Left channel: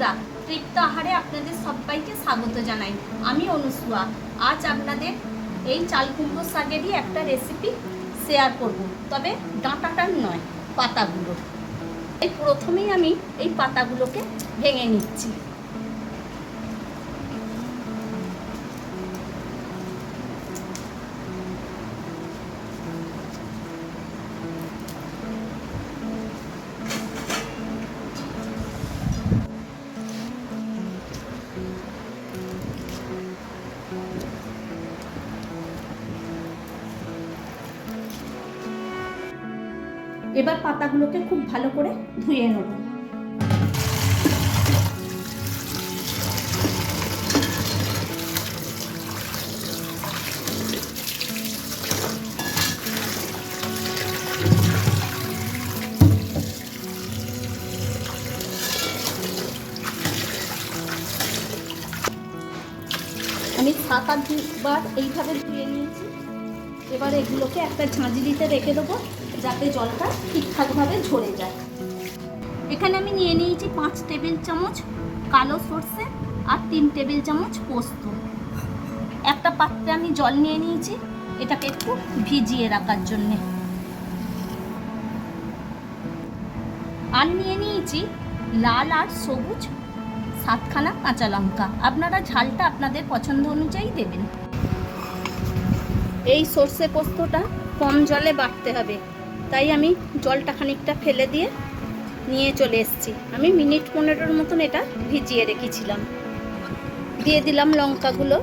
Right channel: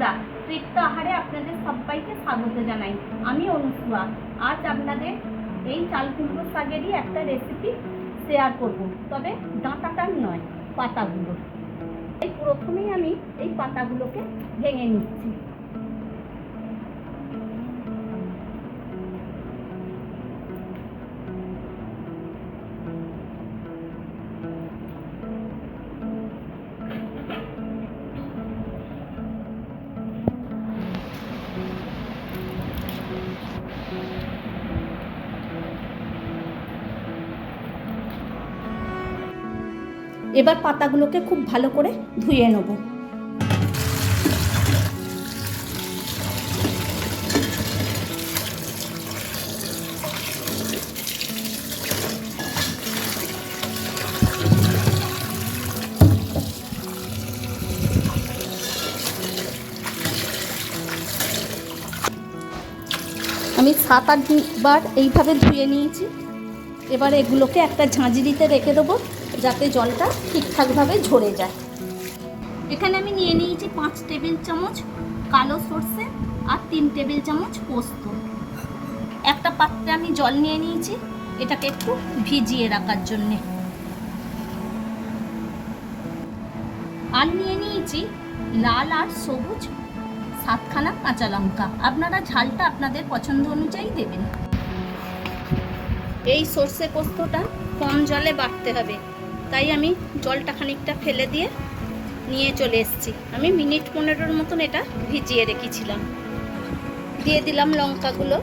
বন্ধুরা, তৃপ্ত আহারে আপনাদের সবাইকে স্বাগত জানাই। আমি অনুসুয়া। আজ আপনাদের এই চাল কুমড়ো শাকেরই একটা রেসিপি শেয়ার করব, তবে ডাঁটাটার নয়, পাতাগুলো। এই প্রথমেই আমি এই পাতাগুলোকে ভেঙে নিচ্ছি। এবার পাতাগুলোকে খুব ভালো করে ধুয়ে নেব। আমি 7-8বার এইভাবে ধুয়ে নিয়েছি। এবার এগুলোকে একটা ঝাঁঝরিতে রেখে দেবো, যাতে জলটা ঠিকঠাকভাবে ঝরে যায়। এখানে আমি নিয়ে নিয়েছি 5 টেবিল চামচ কালো সর্ষে আর 3 টেবিল চামচ পোস্ত। একটা পাত্রে আমি জল নিয়ে নিয়েছি, এটাকে একটু ভিজিয়ে রাখার জন্যে। আর নিয়ে নিয়েছি লাল আর সবুজ 7খানা কাঁচা লঙ্কা। আপনারা ঝালটা আপনাদের পছন্দ অনুযায়ী দেবেন। এই সর্ষে পোস্তটা কম জলে বাটতে হবে, তাই আমি জলটা খানিকটা ফেলে দিয়ে নিয়ে চলে এসেছি। আমি মিনিট 15 মতন এটা ভিজিয়ে রেখেছিলাম। দিয়ে দিলাম লঙ্কাগুলো,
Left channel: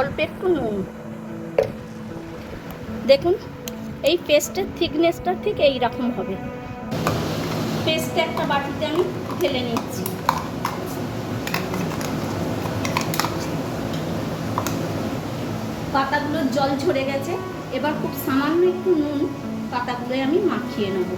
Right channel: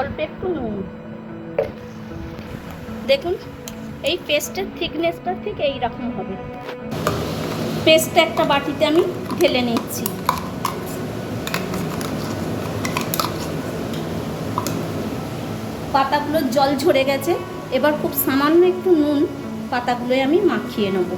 অল্প একটু নুন। দেখুন, এই পেস্টের থিকনেসটা ঠিক এই রকম হবে। পেস্টটা একটা বাটিতে আমি ঢেলে নিচ্ছি। পাতাগুলোর জল ঝরে গেছে। এবার খুব সামান্য একটু নুন পাতাগুলোয় আমি মাখিয়ে নেব।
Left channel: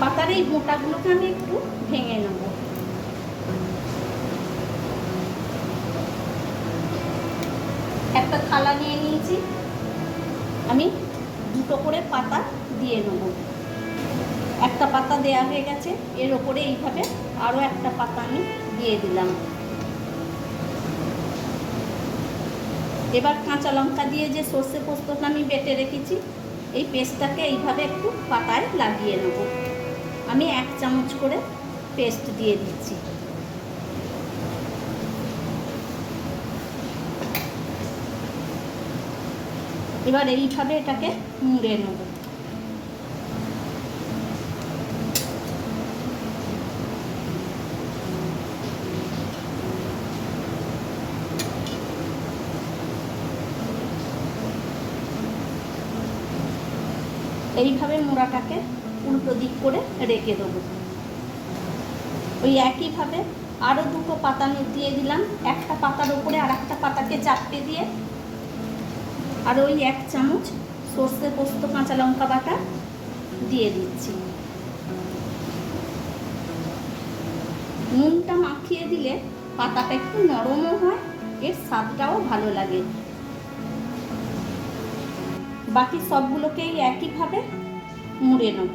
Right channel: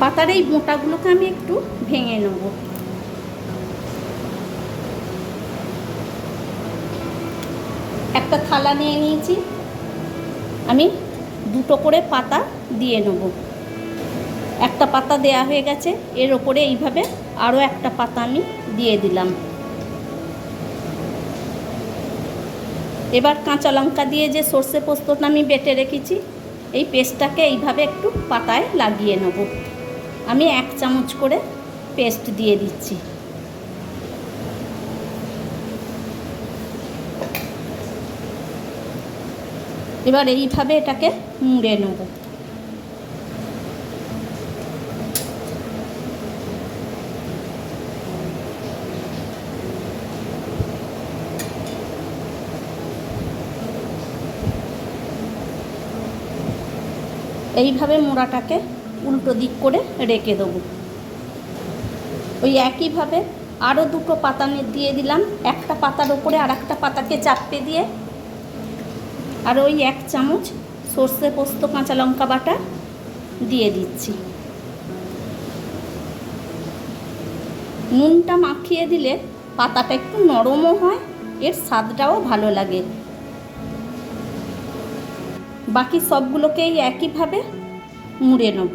পাতার এই মোটাগুলোকে আমি একটু ভেঙে নেব। একটা থালা নিয়ে নিয়েছি, আমি 2টো করে পাতা দিয়ে নেব। একটা পাতা দেয়া হয়ে গেছে, এর ওপরে এইভাবে আরও একটা পাতা আমি দিয়ে দিলাম। এবার কাঁচা লঙ্কা দিয়ে যে সর্ষে পোস্তটা আমি বেটে রেখেছি, এই পেস্টটাকে এইভাবে একটু পাতায় লাগিয়ে নেব। আমি 1 চামচ করে পেস্ট দিয়ে দিচ্ছি। এবার এইভাবে এটাকে মুড়ে নেব। এইভাবে মোড়াটাকে উল্টো দিক করে রেখে দেবো। ওই একইভাবে আরও 2টো পাতা দিয়ে দিলাম। একটা পাতার উপরে আর একটা পাতাকে চাপতে দিয়ে আর ওই 1 চামচ সর্ষে পোস্ত কাঁচা লঙ্কা বাটা দিয়ে দিচ্ছি। নুনটা মাখিয়ে দিলে পাতাটা একটু নরমও হয়, এর স্বাদটাও ভালো লাগে। বাকি সবগুলোকেই একইভাবে মুড়ে নেব।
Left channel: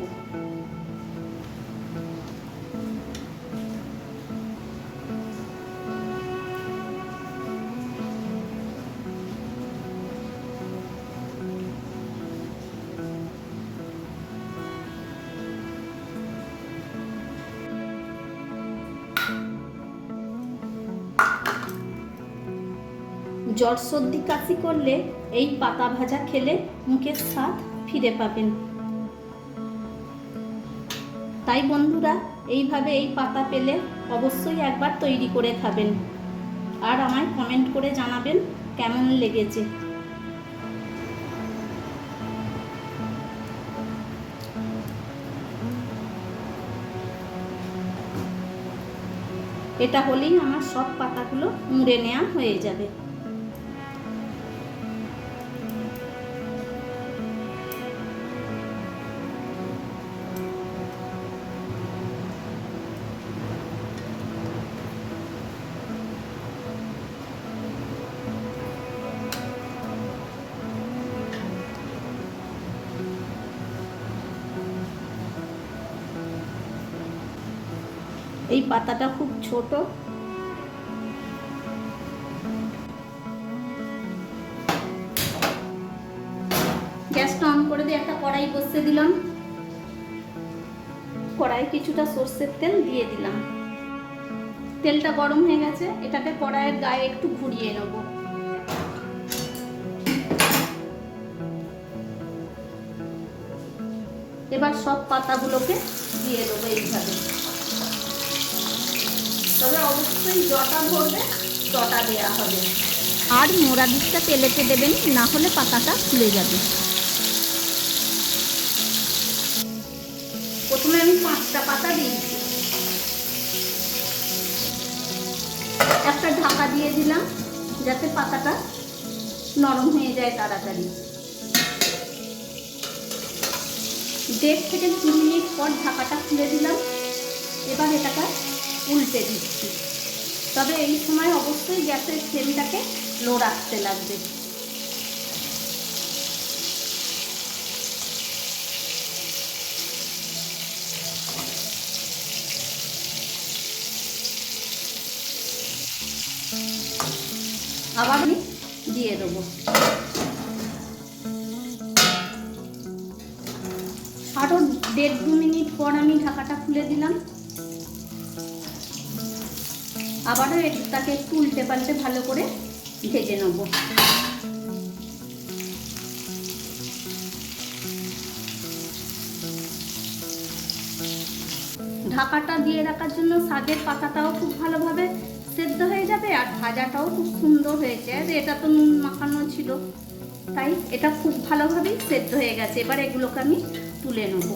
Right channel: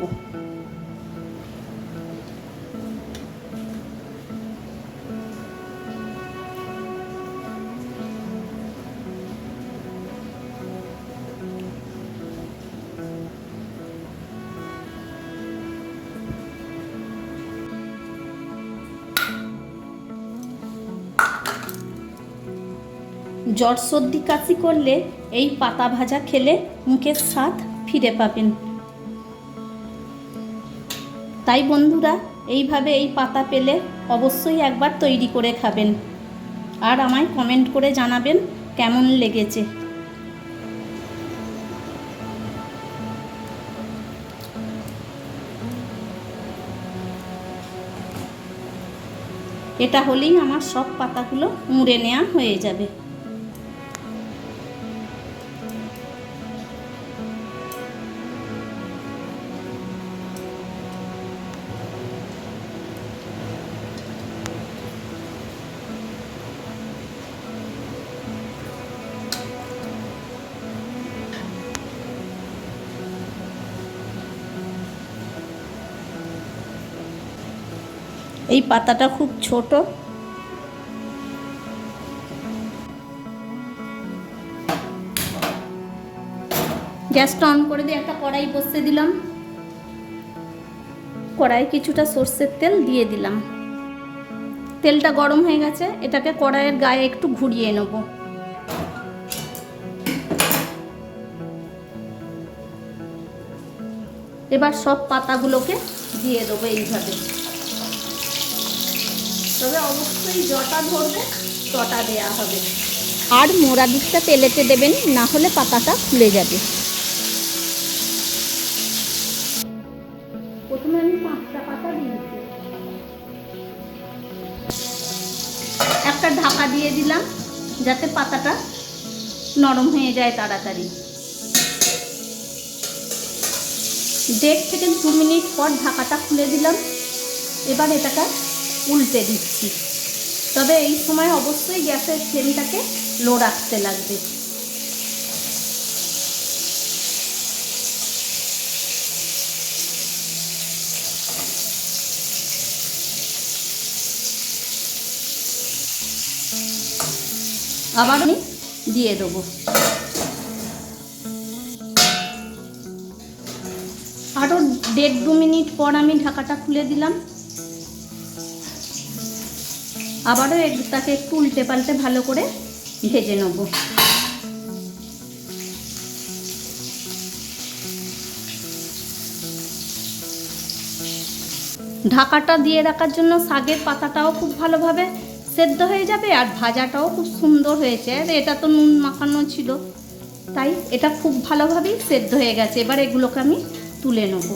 জ্বর সর্দি কাশি করলে এই পাতা ভাজা খেলে মুখের স্বাদ ফিরে পাবেন। তাই বন্ধুরা, এইভাবে এই পাতা পেলে অবশ্যই একবার তৈরি করে খাবেন, আর আমায় কমেন্ট করে জানাবেন কেমন লেগেছে। এটা হলেই আমার সব পাতাগুলো মুড়ে নেওয়া হয়ে যাবে। এই পাতাটা খুব ছোট। গ্যাসটা অন করে দিয়ে একটা কড়াই বসিয়ে দিলাম। কড়াই কিছুটা সর্ষের তেল দিয়ে দিলাম। তেলটা গরম হয়ে গেছে, এটাকে কড়াইয়ের গায়ে একটু ঘুরিয়ে নেব। এবার সব পাতাগুলোকে দিয়ে দেবো এইভাবে। তবে অবশ্যই যটা ধরবে তটা দেওয়া হবে, আর মোড়া দিকটা তেলেতে দেবেন, না হলে পাতাটা খুলে যাবে। প্রথমে আমি 5টা পাতা দিয়েছি। একটা ঢাকা দিয়ে দিলাম যাতে পাতাটা নরম হয়ে যায় তাড়াতাড়ি। 1.5 থেকে 2 মিনিট পর ঢাকাটা খুলে দিলাম। এবার এটাকে উল্টে দিচ্ছি। তবে এই সময় অবশ্যই গ্যাসের ফ্লেমটাকে লো রাখতে লাগবে। আবার আমি দিয়ে দেবো। আরও 1.5-2 মিনিট পর আমি ঢাকাটা খুলে দিলাম। আবারও এটাকে একটু উল্টে পাল্টে ভালো করে ভেজে নেব। ঢাকাটা দিয়ে রাখার জন্য শাকের পাতাটাও খুব ভালোভাবে সেদ্ধ হয়ে যাবে, আর ভাজাটাও খুব সুন্দর হয়েছে। আর এটা তো নুন মাখানো ছিল, তাই এটা খুব ভালোভাবেই সেদ্ধ হয়ে গেছে। এবার এগুলোকে আমি তুলে নেব।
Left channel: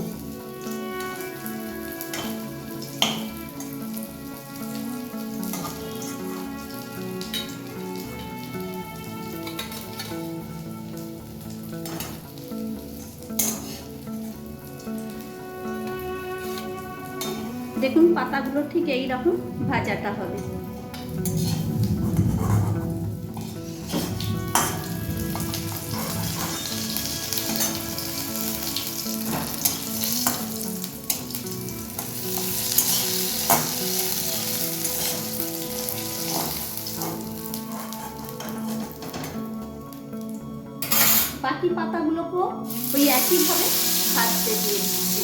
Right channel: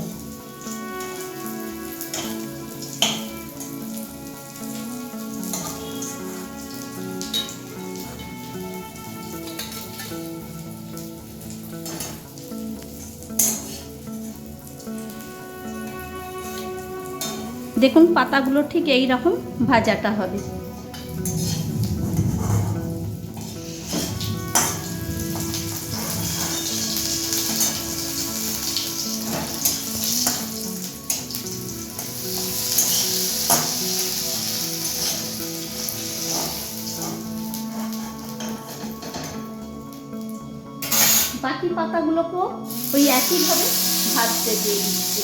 দেখুন পাতাগুলো ঠিক এই রকম ভাজাটা হবে। বাকি পাতাগুলোকেও ওই একইভাবে ভাজতে দিয়ে দিচ্ছি।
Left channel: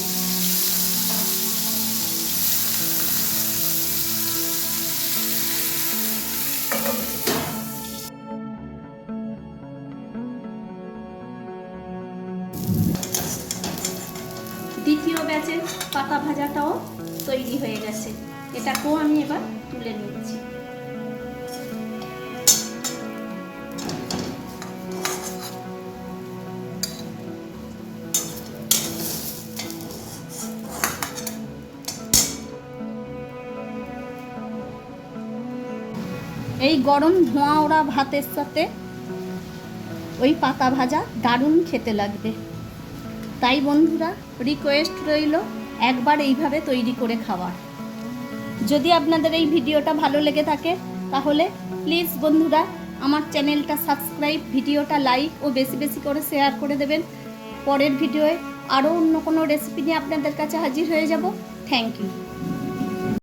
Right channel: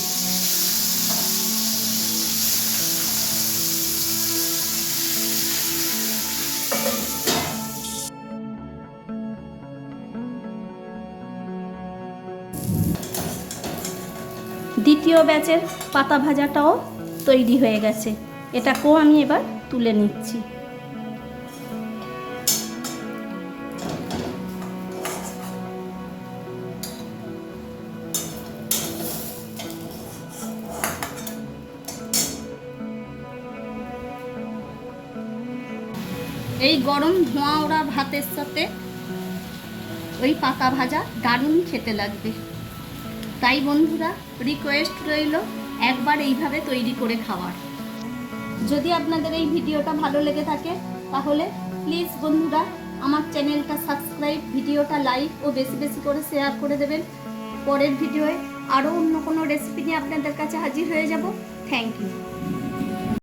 দ্বিতীয় ব্যাচের পাতা ভাজাটাও তৈরি হয়ে গেছে। এটাকেও আমি এবার তুলে নিচ্ছি। এই গরম ধোঁয়া ওড়া ভাতের সাথে ওই পাতা ভাজা দারুণ খেতে লাগবে। তাই বন্ধুরা, রিকোয়েস্ট রইল একবার এইভাবে তৈরি করে খাওয়ার। যদি আপনাদের এই ভিডিওটা ভালো লেগে থাকে তাহলে প্লিজ বন্ধুরা আমার চ্যানেলটা সাবস্ক্রাইব, ভিডিওটা লাইক ও বেশি বেশি করে শেয়ার করে দেবেন। পরের ভিডিওয়ে আরও অন্য কোনো রেসিপি নিয়ে আপনাদের কাছে হাজির হয়ে যাব। Thank you.